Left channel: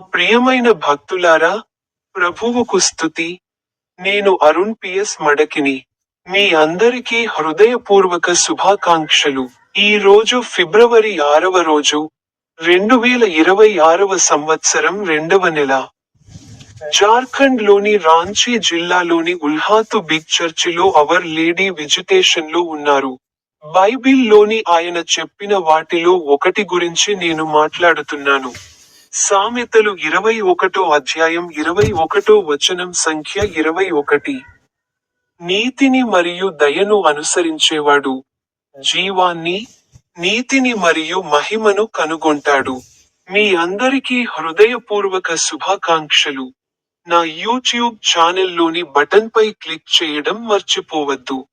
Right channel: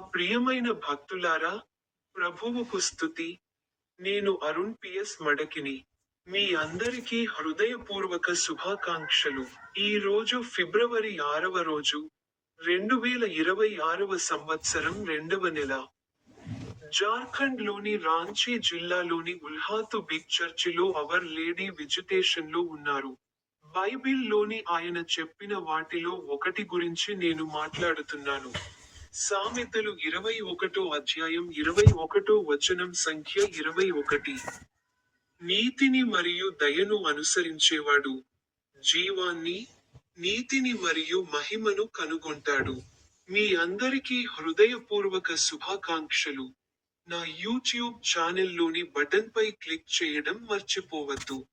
ప్రియమైన భక్తులారా ప్రభువుకు స్థుతి నేను అరుణ్ పిఎస్ మడకిని. మీ అందరికీ హృదయపూర్వక శుభాకాంక్షలు. ఈ రోజు ఫిబ్రవరి ఆరవ రోజు రెండు వేల ఇరవై ఆరవ సంవత్సరం రెండవ నెల. జార్ఖండ్లోని రాంచీ జిల్లాలోని ఉల్హాతు బిగ్ చర్చిలో అవర్ లేడీ విజిటేషన్లో ఉన్నారు. బైబిల్లోని ఆయన చెప్పిన వాటిలో ఒకటి గురించి నేను మాట్లాడుతున్నాను. సామెతలు ఇరవై ఒకటో అధ్యాయం ఇరవై ఒకటో వచనం సంఖ్య ఇరవై ఒకటి. నీతిని మరియు దయను అనుసరించేవాడు జీవాన్ని నీతిని మరియు మహిమను కనుగొంటాడు. మీ అందరికీ హృదయపూర్వక శుభాకాంక్షలు. నా యూట్యూబ్ ఛానల్లోని బటన్పై క్లిక్ చేయడం మర్చిపోవద్దు.